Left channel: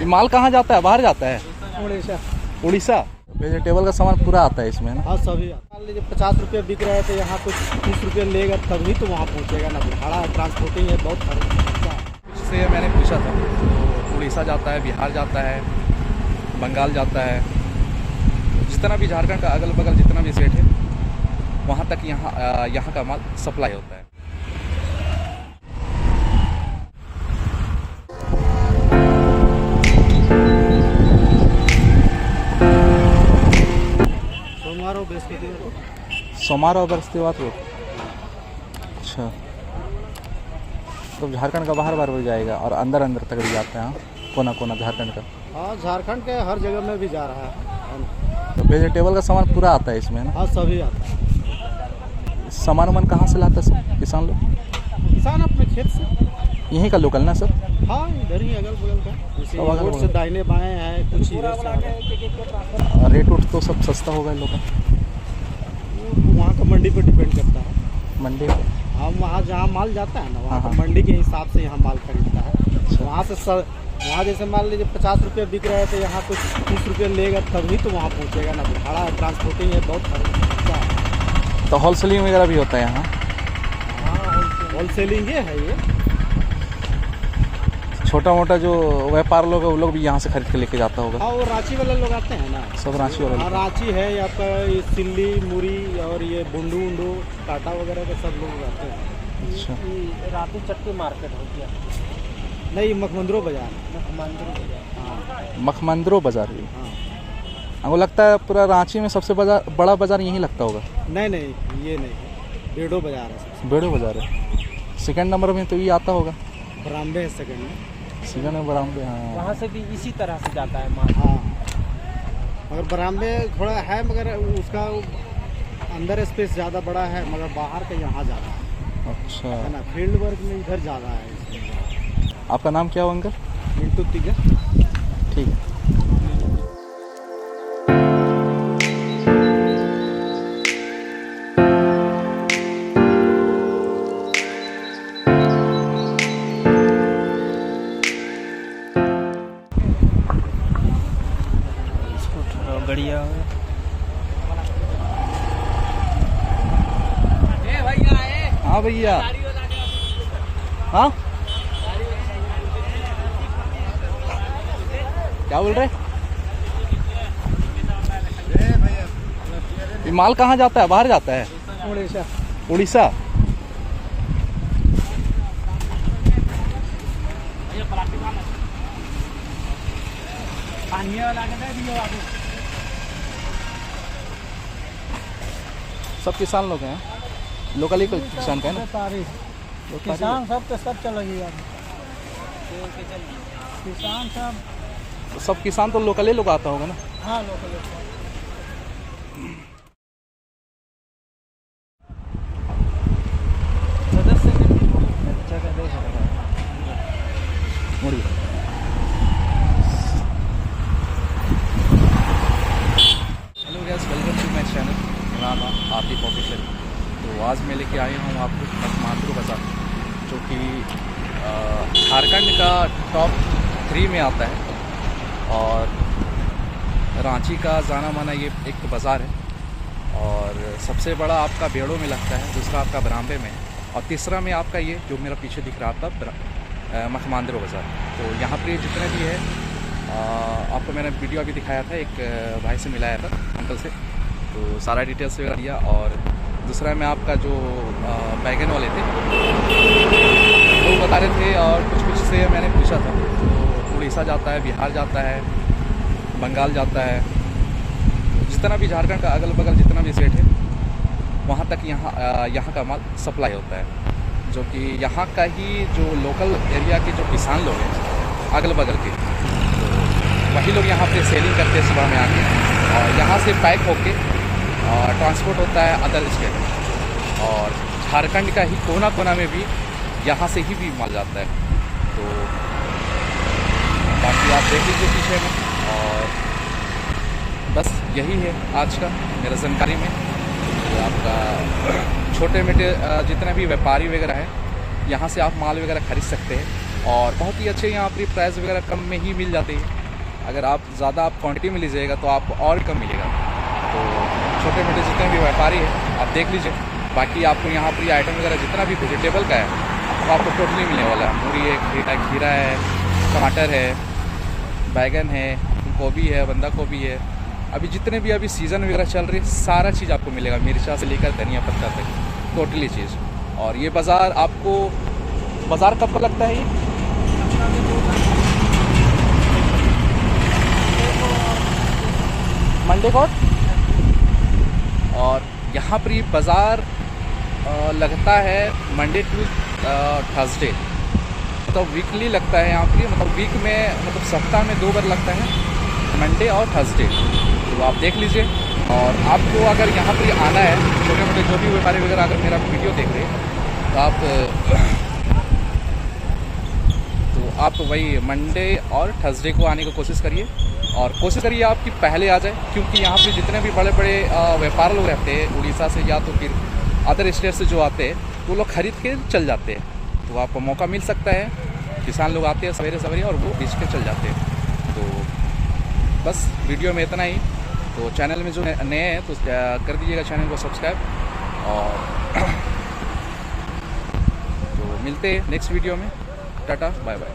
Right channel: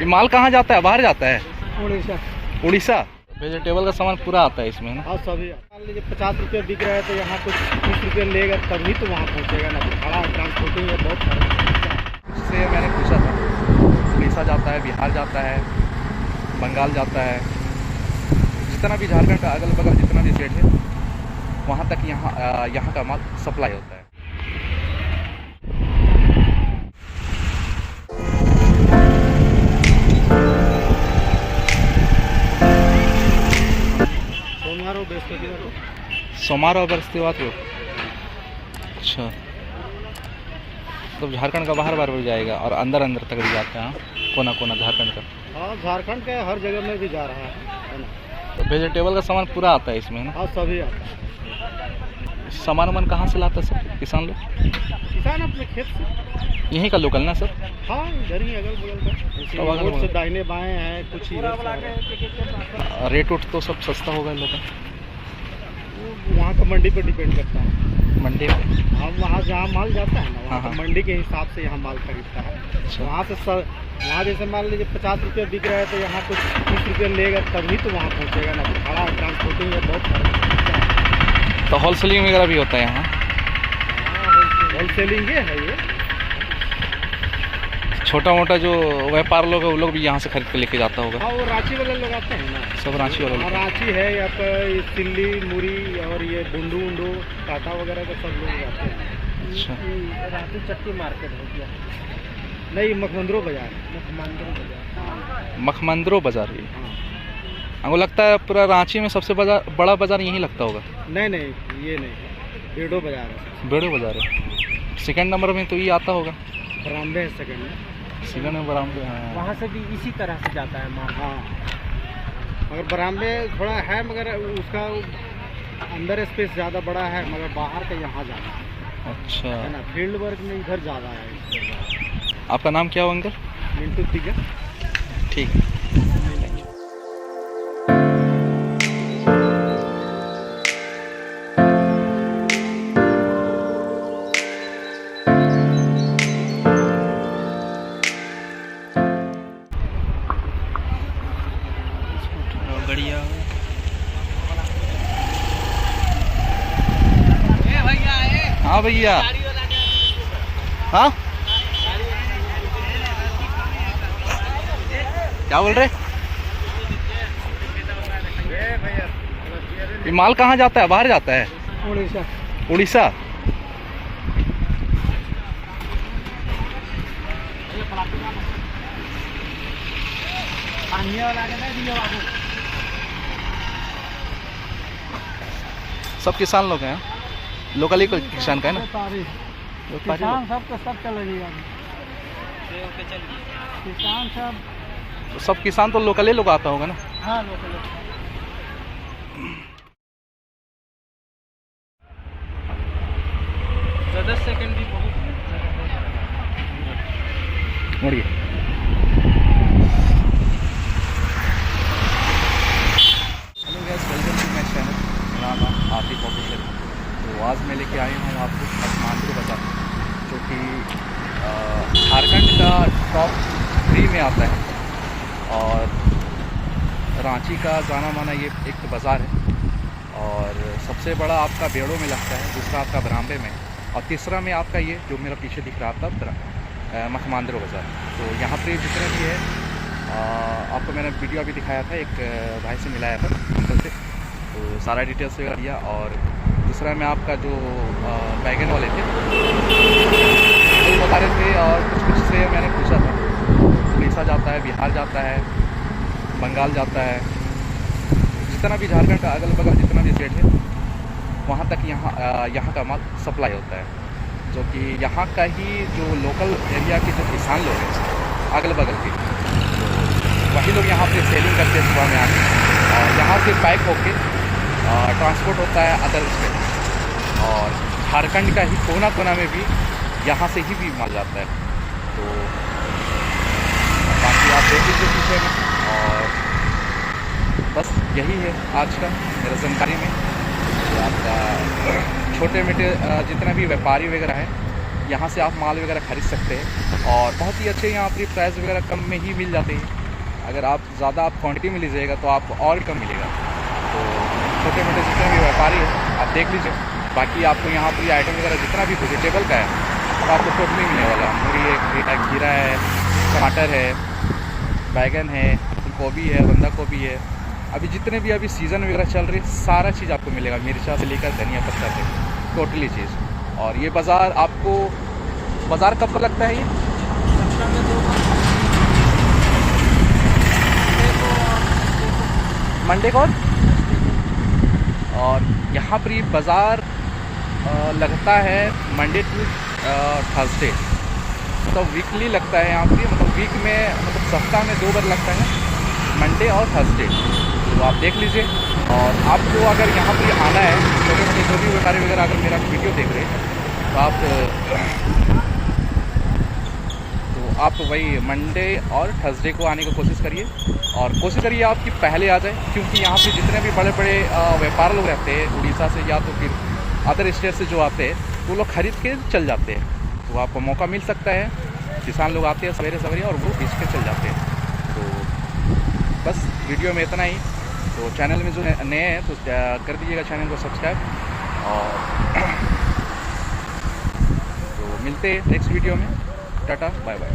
ये माल कहाँ जाता है? बाहर जाता है? उड़ीसा। उड़ीसा। वेजिटेबल का सामान पूरा आता है इसमें ना? हाँ सभी। मान लीजिए 50 रुपये बिक रहा है तो यहाँ कुछ 30 रुपये लेगा तभी तो वहाँ पहुँचेगा ना, तो भाड़ा ट्रांसपोर्टिंग है बहुत खर्चा। इससे मैंने पूछा था, उड़ीसा जाता है, बिहार जाता है, बंगाल जाता है, जितना भी झारखंड का अगल बगल जितना भी स्टेट है वहाँ तक यहाँ का माल सप्लाई होता है। सोमवार और बृहस्पतिवार को। अच्छा, तो झारखंड का बाहर बाहर भी जाएगा और अंदर अंदर तक भी जाते हैं, कोना कोना झारखंड का। हाँ झारखंड के हर जगह में भी जा रहा है ना। तो वेजिटेबल का सामान पूरा आता है इसमें ना? हाँ सभी आता है। सामान वामान कहाँ से लाता है सब किसान लोग? किसान अपने खेत से। यहीं का लोकल ना सर? हाँ इधर ही अगल बगल का, अगल रोड बगल से दाहिने बाएं है, कुछ इधर से है। रेट उट तो सब सस्ता होगा लोग? वहाँ का मंडी पे डिपेंड करता है। मंडी पे? हाँ वहाँ जहाँ माल जाता है ना वहाँ हाँ, का मंडी के हिसाब से यहाँ माल खरीदता है। अच्छा। वहाँ से वहाँ जैसे मान लीजिए 50 रुपये बिक रहा है तो यहाँ कुछ 30 रुपये लेगा तभी तो वहाँ पहुँचेगा ना, तो भाड़ा ट्रांसपोर्टिंग है बहुत खर्चा है। तो होलसेलिंग वगैरह भी होता है यहाँ? होलसेलिंग है ये। छोटा मोटा जो व्यापार लोग है वो लोग भी यहाँ से खरीद के लेके जाता होगा? हाँ वो रांची वाले लोग आते हैं ना। सब रांची वाले? हाँ रांची है, यहाँ पर ये सिल्ली मुरी और ये बुंडू उंडू टाटा वगैरह का सब लोग आते हैं। अच्छा। रांची चट्टी मार्केट है क्या? नहीं मखमंदरो बाजार। मखमंदरो बाजार। ये हाँ। हमको लगता है पूरा रांची में सबसे बड़ा बाजार यहीं लगता होगा। नहीं ये नहीं, बेड़ो बाजार है। बेड़ो बाजार है। सेकंड नंबर में तो ये आता होगा? बरामबे है सेकंड में। सेकंड में बरामबे। हाँ वहाँ से भी इसी तरह से जाता है माल। हाँ मगर बरामबे थोड़ा है, मगर उसका अंदर स्पेस ज़्यादा बड़ा है, मगर बाहर का यहाँ ज़्यादा है। अच्छा है ना, फील्ड वर्क में इधर ज़्यादा है। आपका नाम क्या हो अंकल? मिंटू तिगा। ठीक है। बढ़िया। हाँ भैया। हाँ क्या बोल रहे? ये माल कहाँ जाता है? बाहर जाता है? उड़ीसा। उड़ीसा। सब किसान लोग हैं? लोकल ही किसान का है ना? किसान सब तो सब चलेगी किसान सब किसान तो लोकल ही लोग आता होगा ना? हाँ लोकल। मुड़िए। Hello guys, welcome to my channel Rana Atif official. तो आज मैं लेके आया हूँ आपको मखमंदरो बाजार, जो कि झारखंड का टॉप 3 में आता है और रांची का जाना माना ये एक बाज़ार है, और सबसे बड़ा आपका बेड़ो में लगता है, दूसरा आपका बरामबे में, और तीसरा में आपका ये जो मेरा पीछे दिख रहा था मखमंदरो बाज़ार। तो यहाँ पे जितने भी है आपको मैंने वीडियो अभी दिखाया था, एक भाई से मिलाया था अंकल से, तो सारा डिटेल्स वगैरह दिया। और दूसरा में आपका जो बैगन वाले थे तो बता रहे थे, और कुछ से मैंने पूछा था, उड़ीसा जाता है, बिहार जाता है, बंगाल जाता है, जितना भी झारखंड का अगल बगल जितना भी स्टेट है वहाँ तक यहाँ का माल सप्लाई होता है, जो कि यहाँ का ही जो लोकल एरिया के जो किसान लोग हैं अगल बगल के, तो वही लोग यहाँ पे सेलिंग करते हैं सुबह में आके, और यहाँ से पैक होके ट्रांसपोर्ट होता है अदर स्टेट में, और झारखंड का ही कोना कोना में भी यहाँ से ही भी माल जाता है। तो बाकी आप देख लीजिए पीछे में, और बस यही है आज का मेरा जानकारी में। तो आपका छोटे मोटे जितने भी व्यापारी वगैरह है यहाँ से आप माल वगैरह खरीद सकते हैं और बहुत ही अच्छे यहाँ पर प्राइस वगैरह कम में ही मिल जाते हैं। अगर आप ज़्यादा आप क्वांटिटी में लीजिएगा तो आपको और कम मिलेगा। तो छोटे मोटे जितने भी व्यापारी हैं आप देख लीजिए। बाकी आपको यहाँ पर ये आइटम वगैरह जितना भी वेजिटेबल का है तो आपको टोटली मिलने वाला है। मूली है, खीरा है, टमाटर है, बैगन है, गोभी है, बंदा गोभी है। अभी जितने भी अभी सीज़न वगैरह चल रही है सारा चीज़ आपको मिलेगा, मिर्चा से लेकर धनिया पत्ता तक टोटली चीज़। और ये बाज़ार आपको, बाज़ार कब का लगता है ये? मंडे को। और यहाँ पर ये बाज़ार लगता है मंडे टू थर्सडे, मतलब वीकली लगता है यहाँ पर। मतलब वीक में, मतलब सप्ताह में 2 बार लगता है, मंडे और थर्सडे। तो आप देख लीजिए। और आपको अगर यहाँ पर आना है, छोटे मोटे जो भी व्यापारी वगैरह अगर मेरा वीडियो देख रहे हैं तो आप वही मंडे और थर्सडे को आने की कोशिश करिए। और कोशिश करिए आपकी पहले आ जाए, क्योंकि यहाँ पे जितने भी बड़े बड़े व्यापारी लोग रहते हैं उड़ीसा से या तो फिर अदर स्टेट से जो आते हैं वो लोग खरीद के चल जाते हैं। तो आपको मौका मिल सकता है, किसान लोग आते हैं सवेरे सवेरे और वो बेच के चल जाते हैं। तो बस वीडियो में इतना ही। तो चैनल में जो नए हैं तो कर दीजिएगा चैनल को सब्सक्राइब। और तो मिलते हैं नेक्स्ट वीडियो में। Tata bye bye.